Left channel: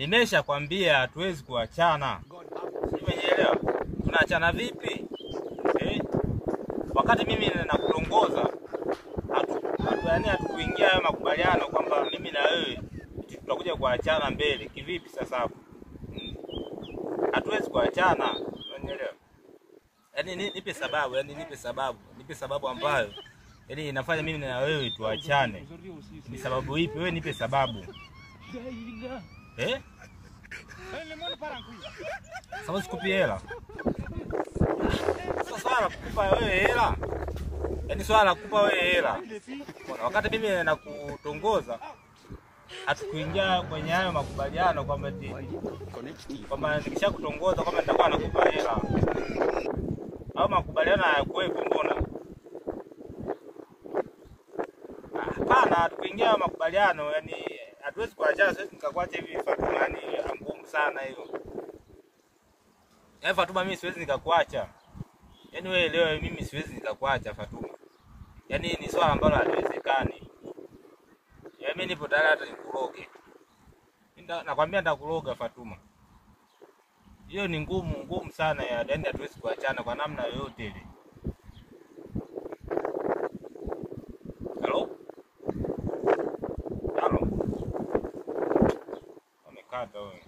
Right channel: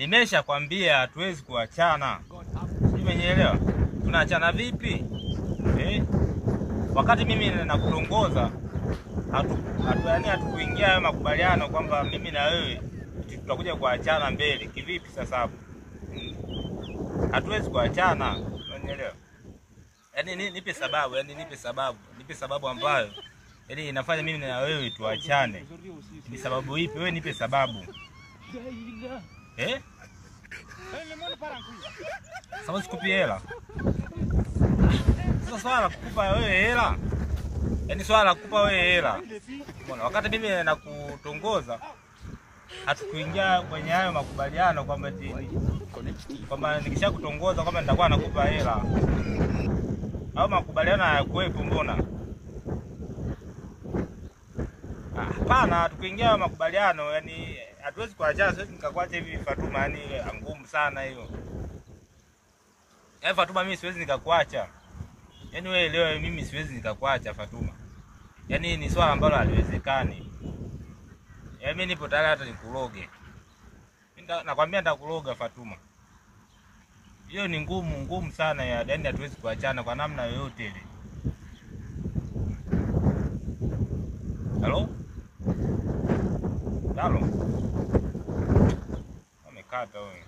Nimesha kwambia hatuwezi kuachana. Umenielewa? Tunaachana vipi? Wakati mimi nakutongoza hatukuingia hayo makubaliano kwamba mimi na wewe tutakuja kuachana mbele. Kivipi sasa hapo? Hatuwezi kuachana. Unanielewa? Yaani nipe sababu ambayo yaani inafanya mimi na wewe tuachane. Ni sababu ipi? Wewe nipe sababu. Sababu sikupi hela. Sasa swala kukupa wewe hela. Yaani swala kukupa wewe hela. Wakati mimi nakutongoza hatukuingia kwenye hayo makubaliano kwamba nikishakutongoza kwamba nitakuwa nakupa hela. Au makubaliano hayakuwepo mbona? Hapana, hatukuingia makubaliano, yani hatuwezi kuachana. Siwezi nikakuacha hivi Fatuma, ni ngumu sana hiyo. Yaani Fatuma, mimi siwezi nikakuacha. Yaani wewe leo mimi siwezi nikakuacha Fatuma. Yaani ni swala ambalo haliwezekani. Yaani mimi nipo tayari hata nikuroge. Nakwambia nitakuroga Fatuma. Hiyo ni ngumu sana ya, yaani hatuwezi kuachana kwa namna yoyote ile. Halo? Amekata wewe.